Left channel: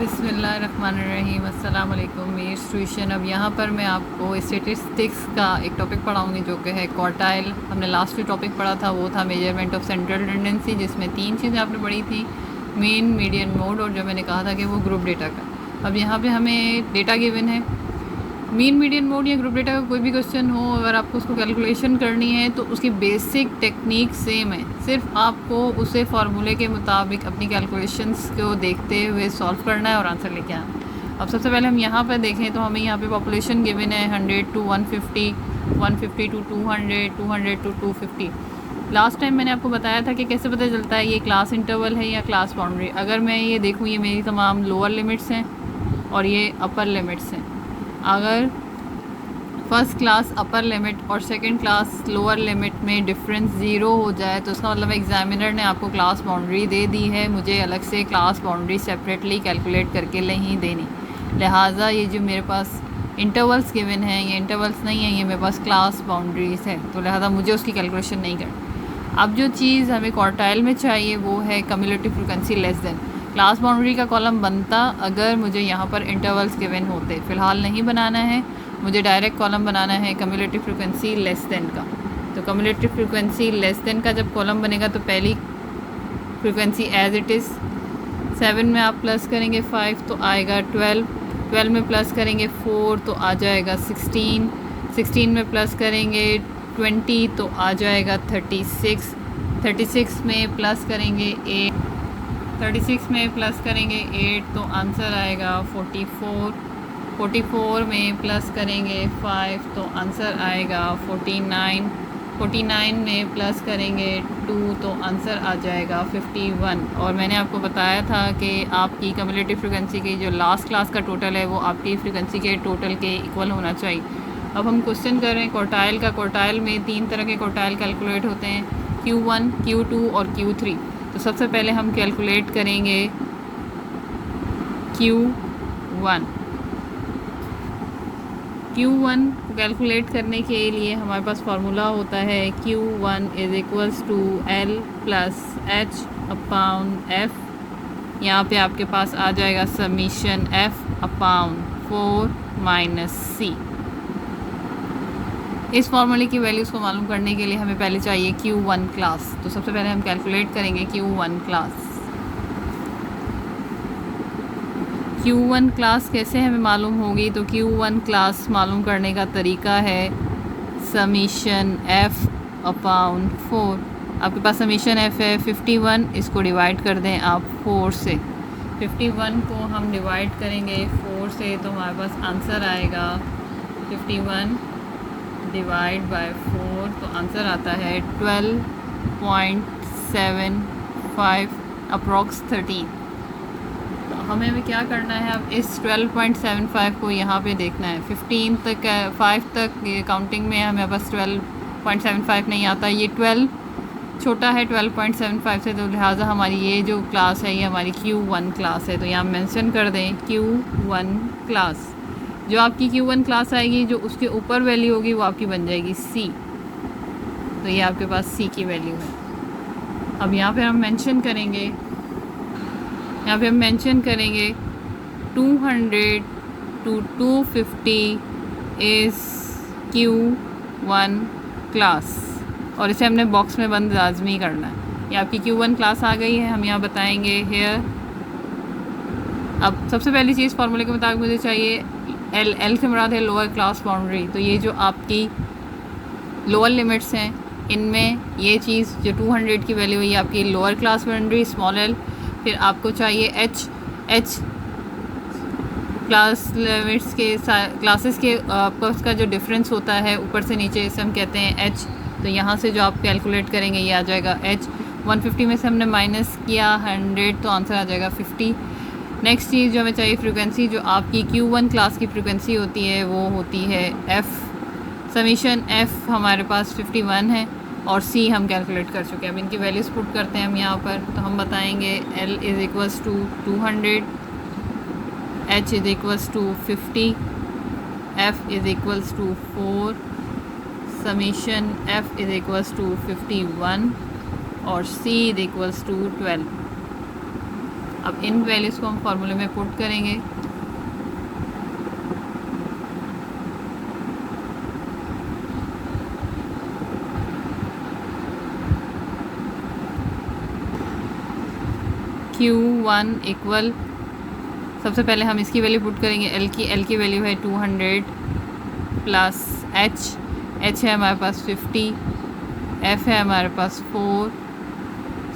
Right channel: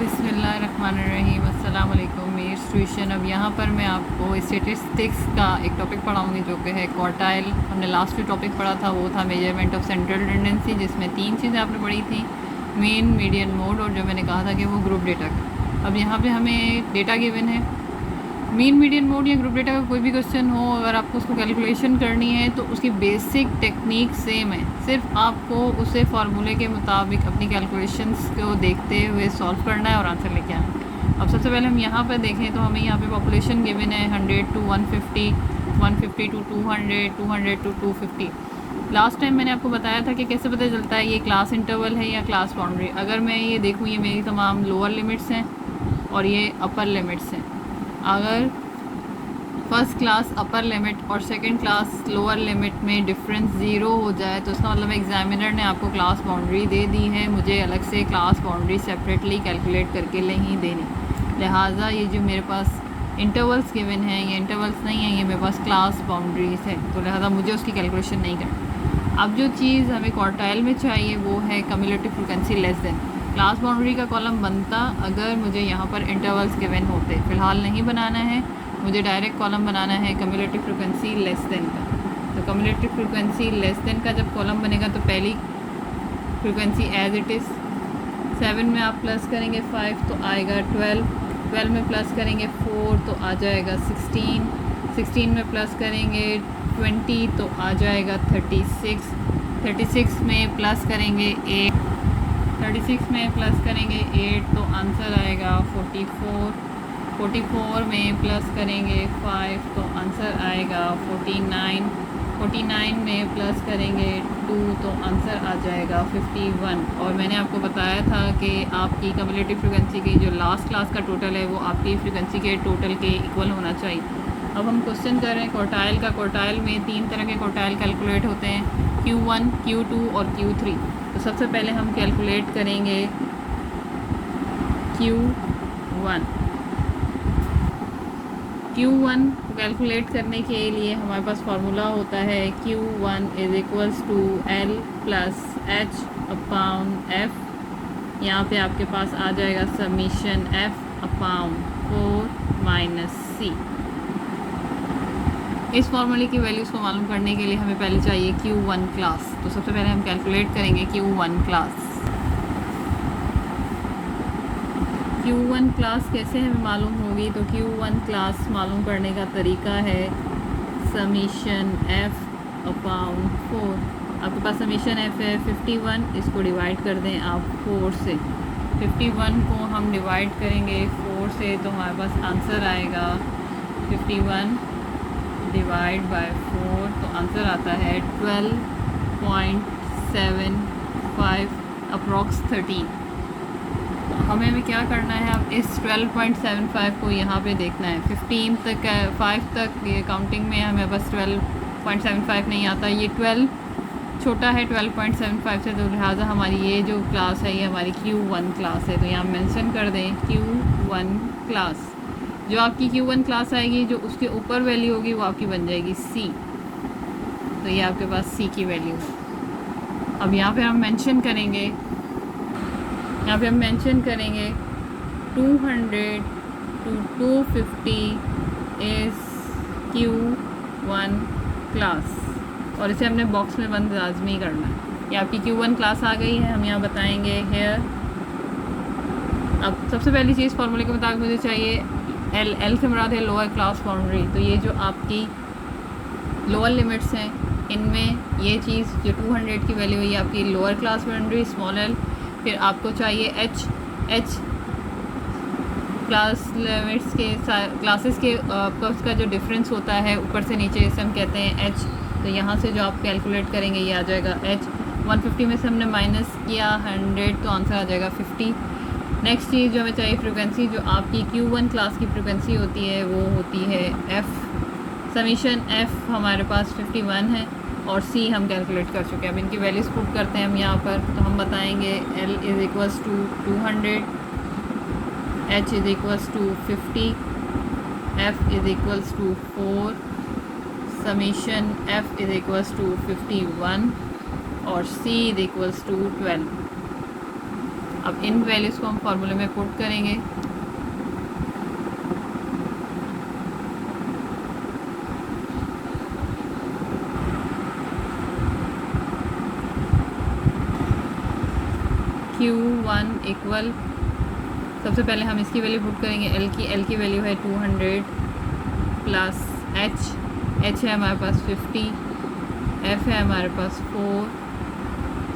बिस्मिल्लाहिर्रहमानिर्रहीम अस्सलाम वालेकुम। मेरी ट्यूशन। अब यहाँ पर मैं आपको स्टेटिस्टिक्स का एक टॉपिक पढ़ाऊँगी जो कि है क्वार्टाइल। हमने लास्ट जो टॉपिक पढ़ा था वो था मेजरमेंट ऑफ सेंट्रल टेंडेंसी, जिसमें 3 चीज़ें आपने पढ़ी थी, मीन, मीडियन, मोड, और जो मैंने कहा था कि वो ग्रुप डेटा का। अब यहाँ पे हमें डेटा गिवन है, मीन, मीडियन, मोड या ग्रुप डेटा का कोई भी क्वेश्चन हो, अगर आपको उसको कैलकुलेशन करनी है तो उसकी बेसिक टेक्निक सेम है, सिर्फ आपको उसे फार्मूले के मुताबिक अपनी कैलकुलेशंस को देखते हुए सॉल्व करना है और आंसर लेके आना है। अब सबसे पहले हम यहाँ पर देखें तो हमें यहाँ पे पॉपुलेशन गिवन है 100 to 150, 150 to 200, 200 to 250। Last time मैंने आपको बताया था कि कैसे पता चलता है ये क्लास इंटरवल है या क्लास बाउंड्री। अगर मैं ये देखूँ, ये मेरी तमाम लोअर लिमिट्स हैं और ये अपर लिमिट्स हैं। अगर फर्स्ट क्लास अपर लिमिट और सेकंड क्लास लोअर लिमिट में डिफरेंस ज़ीरो हो जाए तो उसका मतलब एग्जामिनर ने आपको क्लास बाउंड्री दे दी है, मुझे अलग से क्लास बाउंड्री सेपरेटली कैलकुलेट करके नहीं देनी। लिहाजा ये जो मेरे पास इंटरवल्स गिवन हैं, ये इंटरवल्स नहीं है, ये मेरे पास क्लास बाउंड्रीज है, तो लिहाजा मुझे उसकी कैलकुलेशन नहीं करनी। अब जो चीज़ हमें क्वार्टाइल में चाहिए वो है cumulative frequency less than. Class boundary का कॉलम बनता अगर मुझे यहाँ पर इंटरवल्स गिवन होते, फ़िलहाल नहीं बनाना है, मुझे डायरेक्ट कॉलम बनाना है कम्युलेटिव फ्रीक्वेंसी लेस देन का। तो कम्युलेटिव फ्रीक्वेंसी लेस देन का जब कॉलम बनेगा तो पहली फ्रीक्वेंसी एज इट इज़ 7 में आप प्लस करेंगे 5 तो आएगा 12, 12 में प्लस करेंगे 4 तो आ जाएगा 16, 16 में प्लस करेंगे 20 तो आ जाएगा 36, 36 में प्लस करेंगे 8, 36 में प्लस करेंगे 8 तो आंसर आएगा 44, 44 में प्लस करेंगे 5 तो आंसर आएगा 49, 49 में प्लस करेंगे 2 तो आंसर आ जाएगा 51। और मैंने आपको बताया था कि आपकी कम्युलेटिव फ्रीक्वेंसी की जो लास्ट क्लास का टोटल है वो आपकी फ्रीक्वेंसी के टोटल के इक्वल होना चाहिए। अब हम क्वेश्चन कर रहे हैं क्वार्टाइल का। क्वार्टाइल में 3 तरह के क्वार्टाइल कैलकुलेट होते हैं, Q1, Q2 और Q3। तो सबसे पहले हम कैलकुलेट करेंगे Q1। Q1 कैलकुलेट करने के लिए हमारे पास फार्मूला होता है Q1 is equals to L plus H upon F। यहाँ पे आपके पास आ जाएगा summation F upon 4 minus C। इस फार्मूले की वैल्यूज़ को मालूम करने के लिए हमें पहले चाहिए Q1 क्लास। तो सबसे पहले हम कैलकुलेट करेंगे Q1 क्लास। Q1 क्लास कैसे हमें मालूम होगी? तो Q1 क्लास मालूम करने का तरीका है समीशन F अपॉन 4। आपके पास समीशन F है 51, इसको डिवाइड कर दें आप 4 से। 51 को हम डिवाइड करेंगे 4 से तो हमारे पास आंसर आएगा 51 डिवाइड बाय 4 तो आंसर आता है 12.75 अप्रॉक्स 13। हमें क्या करना है, अब इस 12.75 को यहाँ पे देखना है। 15 तक 5 तक ये काउंटिंग में हमें बस 12.75 नहीं आता, ये 12 छोटा है 12.75 से, तो लिहाजा हमारी ये जो क्लास है ये हमारी Q1 क्लास है। तो यहाँ मेंशन कर दें Q1 क्लास। जो आपकी Q1 क्लास आएगी, जो उसके ऊपर वैल्यू होगी वो आपकी बन जाएगी C। तो ये आपके पास C की वैल्यू है। अब यहाँ पे हम मेंशन करेंगे, यहाँ पे हम मेंशन करेंगे 200 to 250 इज़ Q1 क्लास, और इसे हमने बॉक्स में बंद लाजमी करना है। ये आपकी Q1 क्लास आ गई है, हम यहाँ बताएंगे हेयर। अब सबसे पहली चीज़ फार्मूले के मुताबिक मुझे चाहिए L से मुराद है लोअर क्लास बाउंड्री। तो ये जो आपकी लोअर लिमिट्स हैं इनमें ये चीज़ जो 200 की वैल्यू है ये आपकी lower class boundary small l। फिर आपको चाहिए H क्लास लिमिट्स के क्लासेस के आपस का जो डिफरेंस होता है ऊपर से नीचे, इसे हम कहते हैं H। तो यहाँ से जो आप कैलकुलेट करेंगे ये आ जाएगा H। 150 में से हमने माइनस किया 100 तो आंसर आ जाएगा 50। नेक्स्ट चीज़ जो हमें चाहिए फ्रीक्वेंसी, जो आपकी Q1 क्लास की फ्रीक्वेंसी होती है वो होती है F। समीशन F हमारे पास 51 है और C हम कैलकुलेट कर चुके हैं। अब इनकी वैल्यूज पुट करते हैं हम यहाँ पर, तो हम बताएंगे L is equals to 200, H is equals to 50, F is equals to 4, समीशन F इज़ इक्वल्स टू 51 और C इज़ इक्वल्स टू 12। अब इन वैल्यूज़ को हम फार्मूले में पुट करेंगे। Q1 इक्वल, सबसे पहले हम इसकी वैल्यू पुट करेंगे। एल की वैल्यू है 200 प्लस एच है हमारे पास 50, एफ है हमारे पास 4,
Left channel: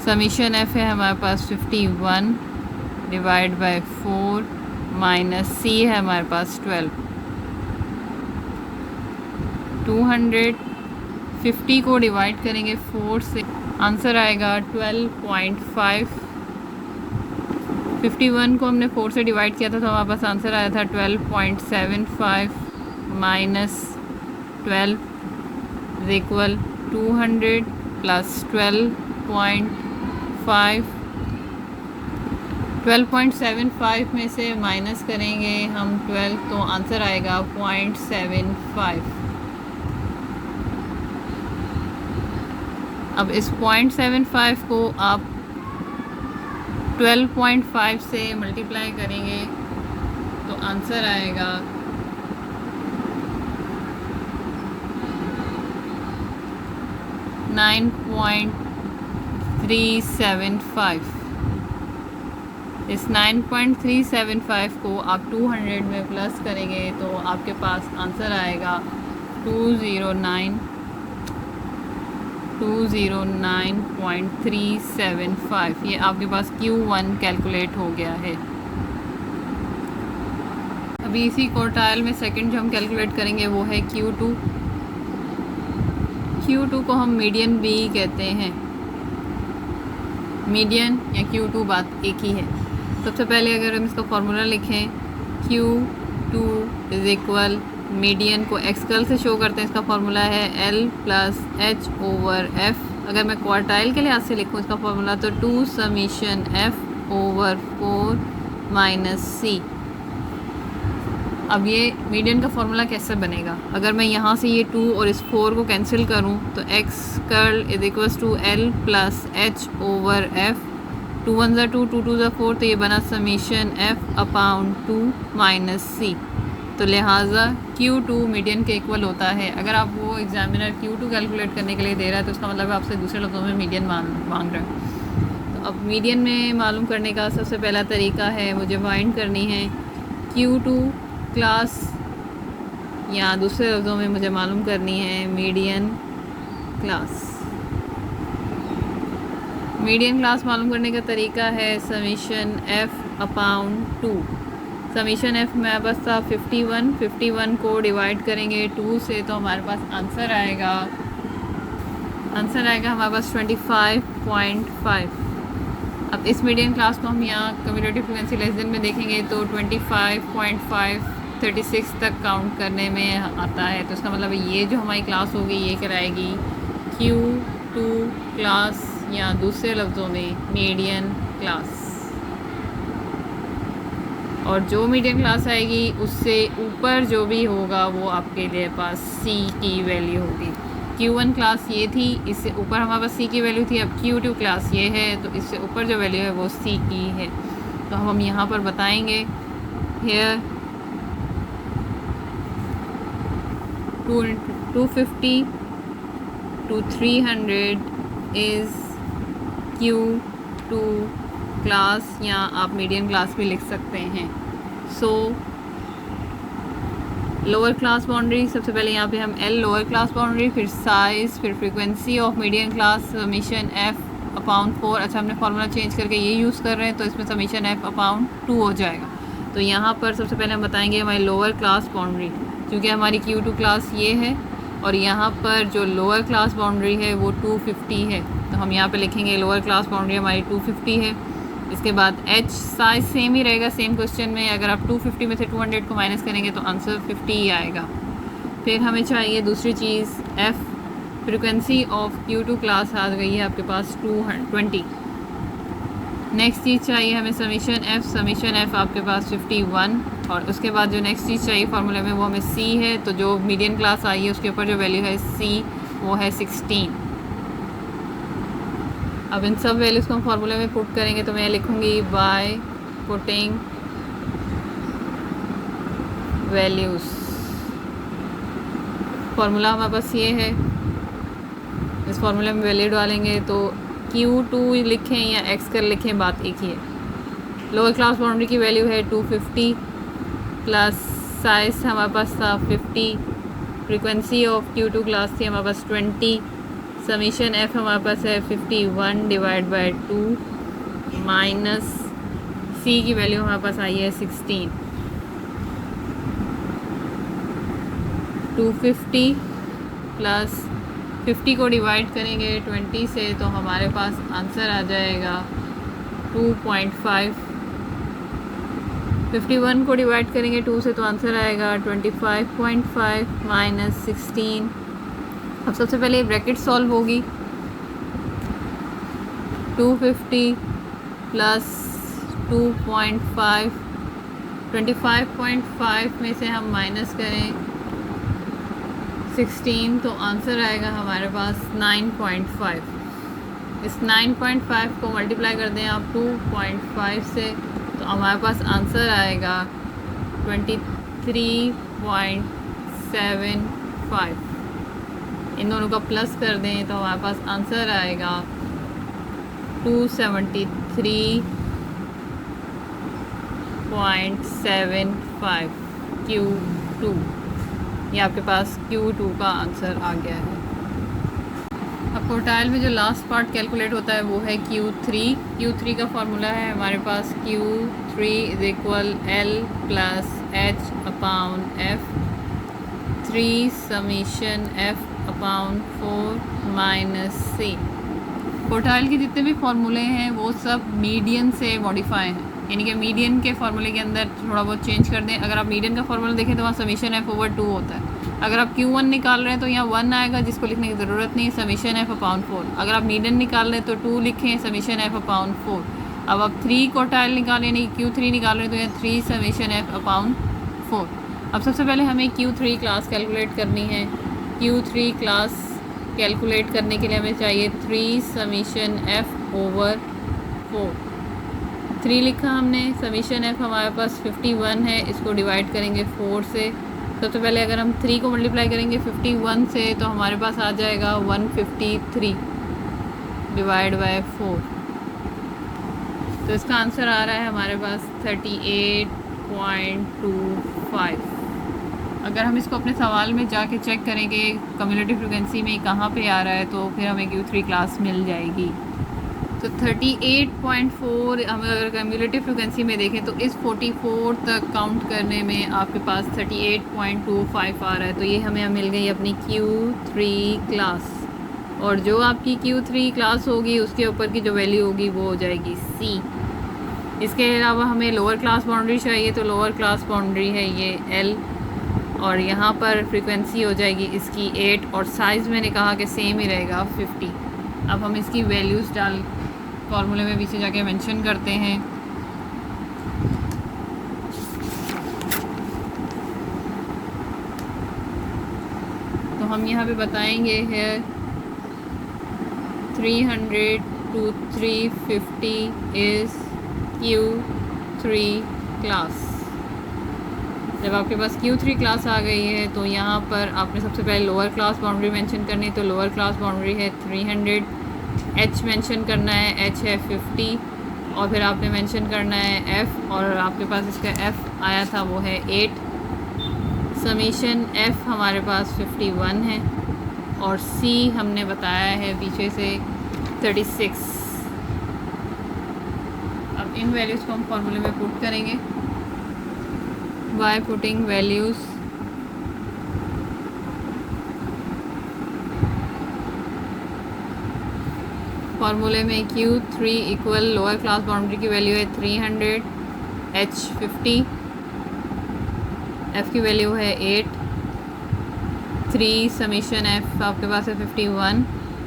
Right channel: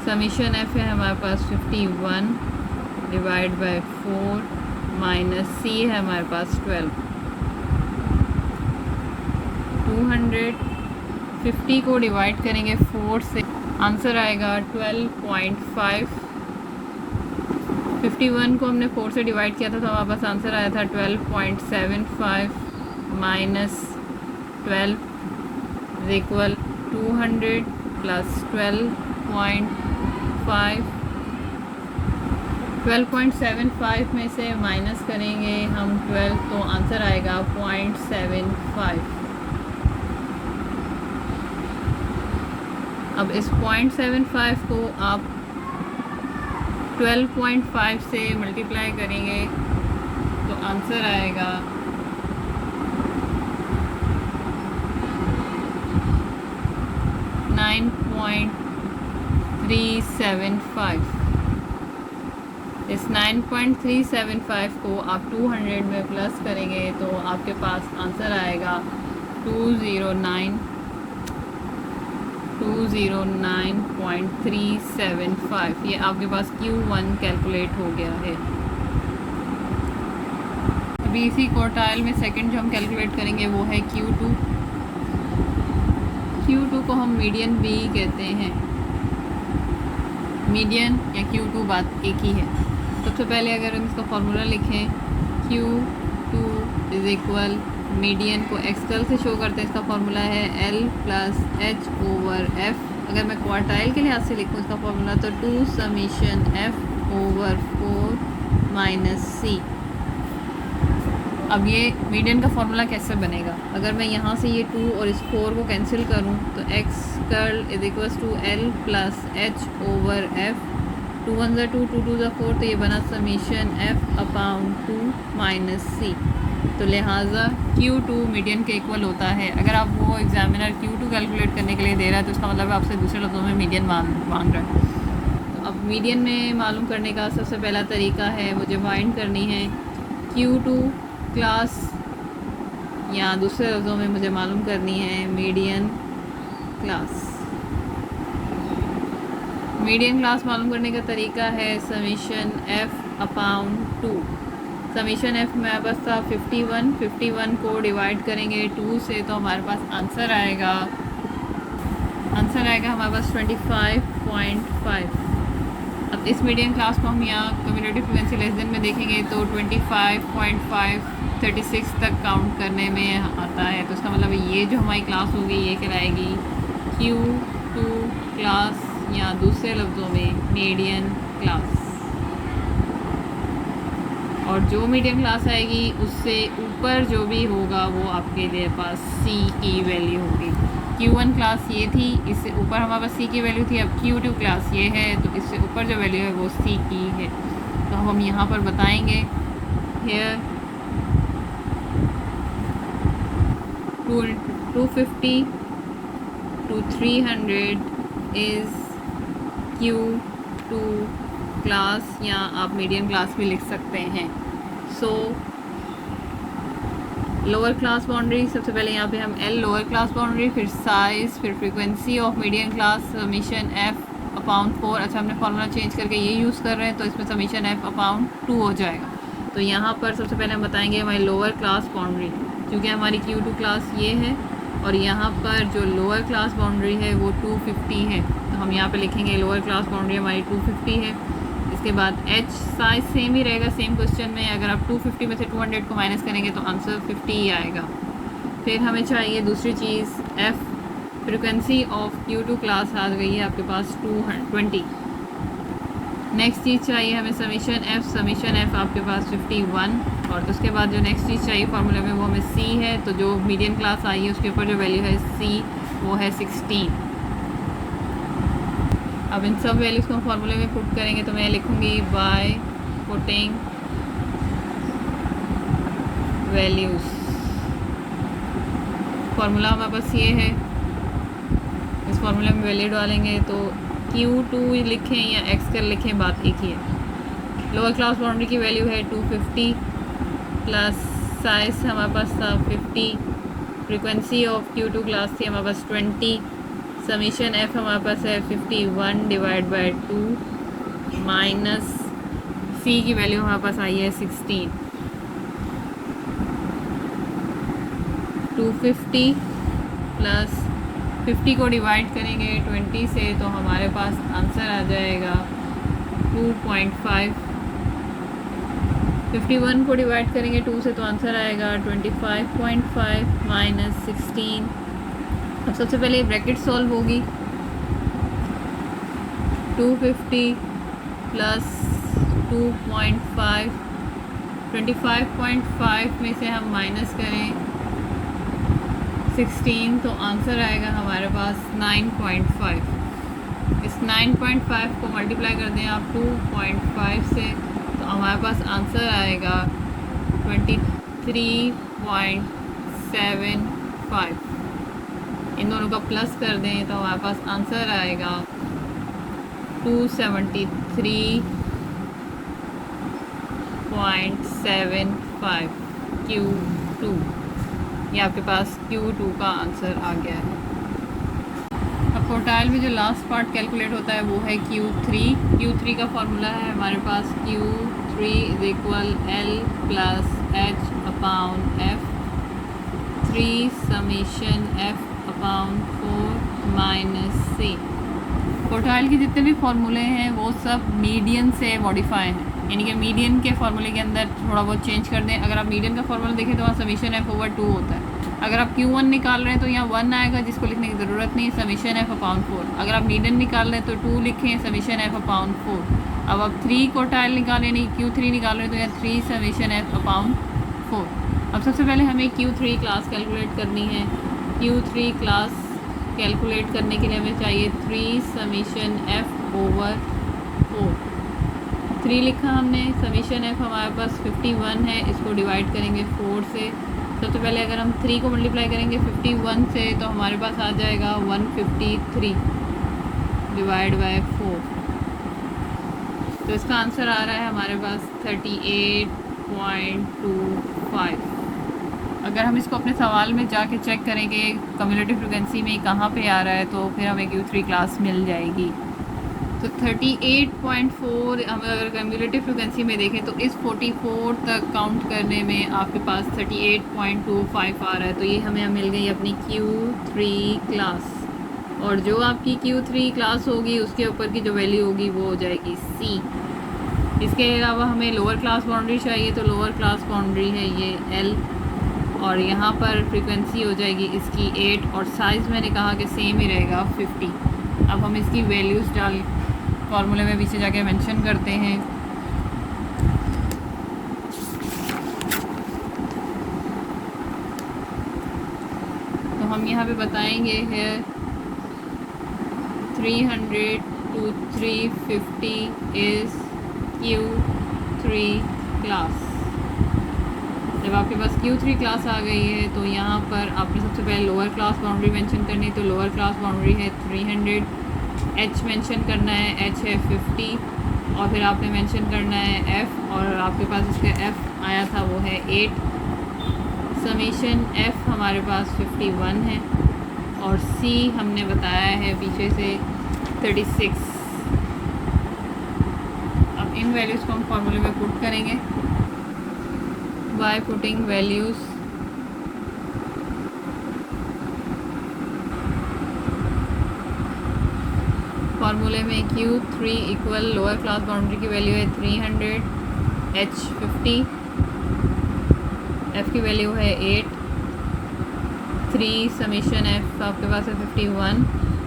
समीशन एफ है हमारे पास 51 डिवाइड बाय 4 माइनस सी है हमारे पास 12। 250 को डिवाइड करेंगे 4 से, आंसर आएगा 12.5। 51 को हमने 4 से डिवाइड किया था तो हमारे पास आंसर आया था 12.75 माइनस 12 इज इक्वल 200 प्लस 12.5। 12.75 में से माइनस करेंगे हम 12 तो आंसर आएगा 0.75। अब इस 0.75 को आप 12.5 से मल्टीप्लाई करेंगे तो आंसर आएगा 9.375। इस 9.375 को आप 200 में प्लस करेंगे तो आपके पास आंसर आएगा 209.375। ये आपके पास Q1 कैलकुलेट हो गया है। अभी इसी क्वार्टाइल में सेकंड जो हम कैलकुलेट करेंगे वो है Q2। Q2 को हम मीडियन भी कहते हैं। मीडियन या Q2 बात एक ही है। सबसे पहले अगर हम इसका फॉर्मूला लिखें, Q2 इज इक्वल, मीडियन को एक्सकल से शो करते हैं, इसका फॉर्मूला है L plus H over F। अगर मैं क्वार्टाइल के लिहाज से लिखूँ इसका फॉर्मूला तो 2 summation F over 4 minus C। अब ये मीडियन का फॉर्मूला कैसे बनेगा? अगर मैं यहाँ से ये 2 और इस 4 को कैंसिल करूँ तो x curl is equals to L plus H over F। 2 1 2 2 2 4 तो ये बना summation F upon 2 minus C। तो लिहाजा Q2 मीडियन के इक्वल होता है। अगर आप वो एग्जामिनर Q2 कैलकुलेट करने के लिए दे रहा है तो इसका मतलब आपसे दूसरे लफ्ज़ों में मीडियन मांग रहा है। तो अब मीडियन में मालूम करने का सबसे पहला तरीका है, मुझे फाइंड करनी है Q2 क्लास, या दूसरे लफ्ज़ों में मुझे मालूम करनी है मीडियन क्लास। मीडियन क्लास मालूम करने का तरीका है summation F upon 2। Summation F मेरे पास था 51 को डिवाइड करेंगे 2 से तो हमारे पास आंसर आएगा हमारे पास 25.5। अब इस मीडियन क्लास को हम यहाँ कम्यूटेटिव फ्रीक्वेंसी लेस देन में देखेंगे तो 25.5 36 तक काउंट करने में आता है। तो इसका मतलब ये जो हमारी क्लास होगी ये कराएगी Q2 क्लास, या दूसरे लफ्ज़ों में मीडियन क्लास। और जो मीडियन क्लास आएगी उससे ऊपर जो भी होगा वो आपके लिए पास C की वैल्यू होगी। Q1 क्लास ये थी, इससे ऊपर हमारे पास C की वैल्यू थी। अब Q2 क्लास ये है तो इससे ऊपर जो वैल्यू है वो C की है। तो हम यहाँ पर बताएंगे hair 250 to 300 is Q2 class, या आप मीडियन क्लास भी लिख सकते हैं। सो लोअर क्लास बाउंड्री, सबसे पहले यहाँ पे हम L लोअर क्लास बाउंड्री, फिर साइज़, फिर frequency of median class summation F upon 4। अच्छा, हमने फार्मूला चेंज करके ये यूज़ कर रहे हैं तो इसमें समीशन F अपॉन 2 हो जाएगा। तो यहाँ पर सबसे पहले हम बताएंगे हमारी लोअर क्लास बाउंड्री, क्योंकि हमारी Q2 क्लास ये है और यहाँ पर जो लोअर क्लास बाउंड्री है वो 250 है। तो हम यहाँ पे लिखेंगे लोअर क्लास बाउंड्री हमारी 250 है। इसके बाद H साइज सेम ही रहेगा, सेम क्वेश्चन में अगर आप 250 में से 200 को माइनस करेंगे तो आंसर 50 ही आएगा। फिर हमें चाहिए दूसरी चीज़ F, frequency of Q2 class आ गई है आपके पास 220। नेक्स्ट चीज़ चाहिए हमें समीशन F आपके पास 51, और उसके बाद जो नेक्स्ट चीज़ चाहिए फार्मूले में वो हमें C है। तो जो मीडियन क्लास आई है उसके ऊपर जो वैल्यू है C वो है 16। अब इन सब वैल्यूज़ को हम फार्मूले में पुट करेंगे तो मैं लिखूँगी बाय पुटिंग वैल्यूज़। फार्मूला हमारे पास ये है, इस फार्मूले में वैल्यू डालेंगे तो Q2 लिखें या X कर लिखें, बात एक ही है। लोअर क्लास बाउंड्री की वैल्यू है 250 प्लस साइज हमारे पास था 50, फ्रीक्वेंसी ऑफ Q2 क्लास थी हमारे पास 20, समीशन F हमारे पास है 51 डिवाइड बाय 2 माइनस फ़ी की वैल्यू हमारे पास आई है 16। 250 प्लस 50 को डिवाइड करेंगे 20 से तो हमारे पास आंसर आ जाएगा 2.5। 51 को डिवाइड करेंगे 2 से तो आंसर आएगा 25.5 माइनस 16। अब सबसे पहले ब्रैकेट सॉल्व होगी। 250 प्लस 2.5, 25.5 में से हम माइनस करें 16 तो आंसर आएगा हमारे पास 9.5। इस 9.5 को मल्टीप्लाई कर दें आप 2.5 से तो हमारे पास आंसर आएगा 23.75। इन दोनों का प्लस कर दें तो हमारे पास आंसर आएगा 273.75 Q2। ये आपके पास Q2 का आंसर आ गया है। अब क्वार्टाइल में जो लास्ट पार्ट कैलकुलेट होता है वो है Q3। Q3 का फॉर्मूला है हमारे पास Q3 is equal L plus H upon F, 3 summation F upon 4 minus C। Quartile के जितने भी फॉर्मूले हैं वो सब मीडियन से मॉडिफाई हैं, यानी कि मीडियन के फार्मूले के अंदर थोड़ा बहुत चेंज कर दें। अगर आप मीडियन का फार्मूला देखें तो वहाँ समीशन F ओवर 2 होता है। अगर आप Q1 निकाल रहे हैं तो यहाँ 1 आएगा जिसको लिखने की ज़रूरत नहीं, समीशन F अपॉन 4। अगर आप मीडियन निकाल रहे हैं तो 2 लिखें, समीशन F अपॉन 4। अब आप 3 क्वार्टाइल निकाल रहे हैं, Q3 निकाल रहे हैं तो यहाँ 3 समीशन F अपॉन 4। अब सबसे पहले हमें Q3 क्लास कैलकुलेट करनी है। Q3 क्लास कैलकुलेट करने के लिए हमें चाहिए 3 समीशन F ओवर 4। 3 लिखा हमने, समीशन F हमारे पास 51 है, इसको डिवाइड करेंगे 4 से। सबसे पहले अगर हम 3 को मल्टीप्लाई करेंगे 51 से तो हमारे पास आ जाएगा 153 डिवाइड बाय 4। तो इसका आंसर आ रहा है हमारे पास 38.25। अगर हम इसको अपने सवाल में जाके चेक करेंगे कम्युलेटिव फ्रीक्वेंसी में कहाँ पे आ रहा है तो फिर हमें Q3 क्लास मिल जाएगी। तो 38.4 हम अगर कम्युलेटिव फ्रीक्वेंसी में देखें तो इस 44 तक काउंट करने में आपके पास 38.25 आ रहा है। तो ये हमें मिल गई अपनी Q3 क्लास, और जो आपकी Q3 क्लास होगी उसके ऊपर की जो वैल्यू होगी वो हो जाएगी C। इसके अलावा हमें लोअर क्लास बाउंड्री चाहिए, तो लोअर क्लास बाउंड्री है ये L, और यहाँ पर फ्रीक्वेंसी हो जाएगी इसकी 8, और साइज़ मैंने कहा कि सेम ही रहेगा 50। अब हम इसकी वैल्यूज़ डाल फार्मूले में पीछे जाके मेंशन करते हैं। तो हम यहाँ पे बताएंगे है 300 to 350 इज़ Q3 क्लास। जब आपके पास Q3 क्लास आ गई है तो यहाँ पर आपने सबसे पहले लोअर क्लास बाउंड्री मेंशन करनी है। तो लोअर क्लास बाउंड्री है 300, H मेंशन करना है, H है 50, और फिर आपने मेंशन करना है F, और आपके पास इसका F आया था वो है 8। समीशन F हमारे पास 51 है, और C हमने बताया है पीछे से 36। अब इन वैल्यूज़ को हम फॉर्मूले में पुट करेंगे बाय पुटिंग वैल्यूज़। फार्मूले में Q3 equal lower class boundary की वैल्यू है 300, H 50, F की वैल्यू है 8, 3 समीशन F आपके पास है 51,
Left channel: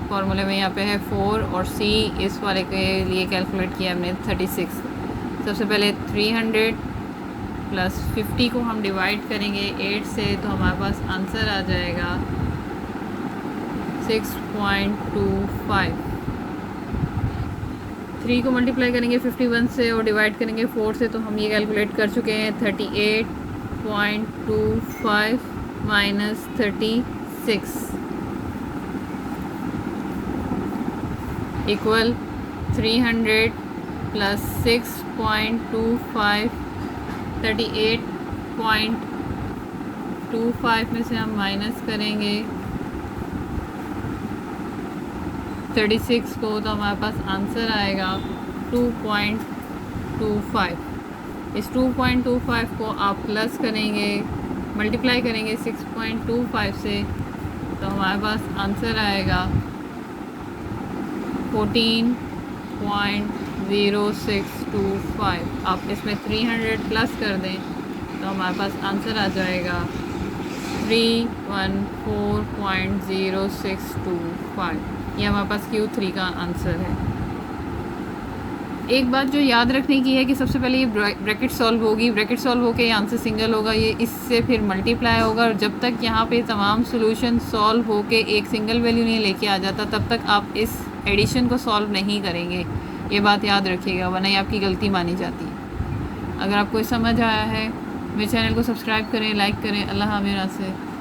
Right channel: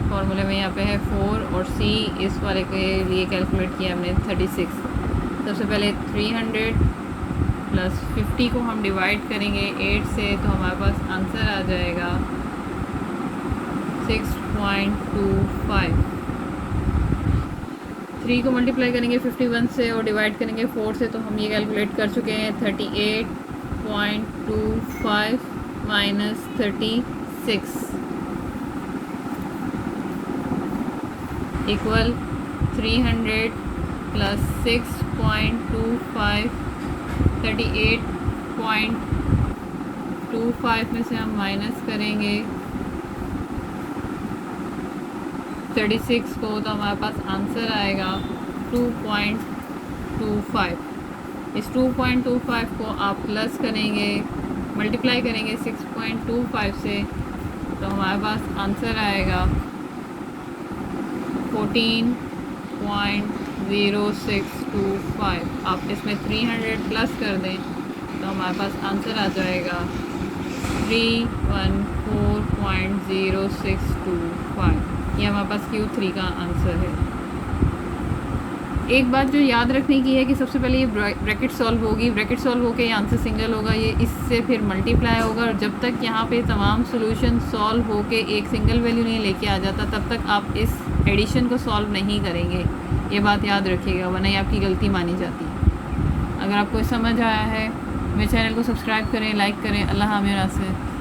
फार्मूले में यहाँ पे है 4, और C इस वाले के लिए कैलकुलेट किया हमने 36। सबसे पहले 300 प्लस 50 को हम डिवाइड करेंगे 8 से तो हमारे पास आंसर आ जाएगा 6.25। 3 को मल्टीप्लाई करेंगे 51 से और डिवाइड करेंगे 4 से, तो हम ये कैलकुलेट कर चुके हैं 38.25 माइनस 36 इक्वल 300 प्लस 6.25 38.25 में से हम माइनस करेंगे 36 को, तो हमारे पास आंसर आएगा 2.25। इस 2.25 को आप प्लस करेंगे, मल्टीप्लाई करेंगे 6.25 से, तो हमारे पास आंसर आएगा 14.0625। आप इसमें 300 प्लस कर दें तो हमारे पास आंसर आ जाएगा 314.0625। ये हमारे पास Q3 का आंसर है। एक बात जो याद रखने की है कि सबसे पहले ये ब्रैकेट सॉल्व होगी, ब्रैकेट सॉल्व होकर ये आंसर सिंगल होगा, ये इससे फिर मल्टीप्लाई होगा, और जब तक यहाँ पे तमाम सॉल्यूशन सॉल्व होके एक सिंगल वैल्यू नहीं लेके आ जाता तब तक आप इस एडिशन को सॉल्व नहीं करेंगे। ये बात याद रखिएगा, वरना ये आपकी गलती मानी जाती है। अगर आपको समझ आया है मेरे चैनल को सब्सक्राइब करें, लाइक करें। अल्लाह हाफ़िज़।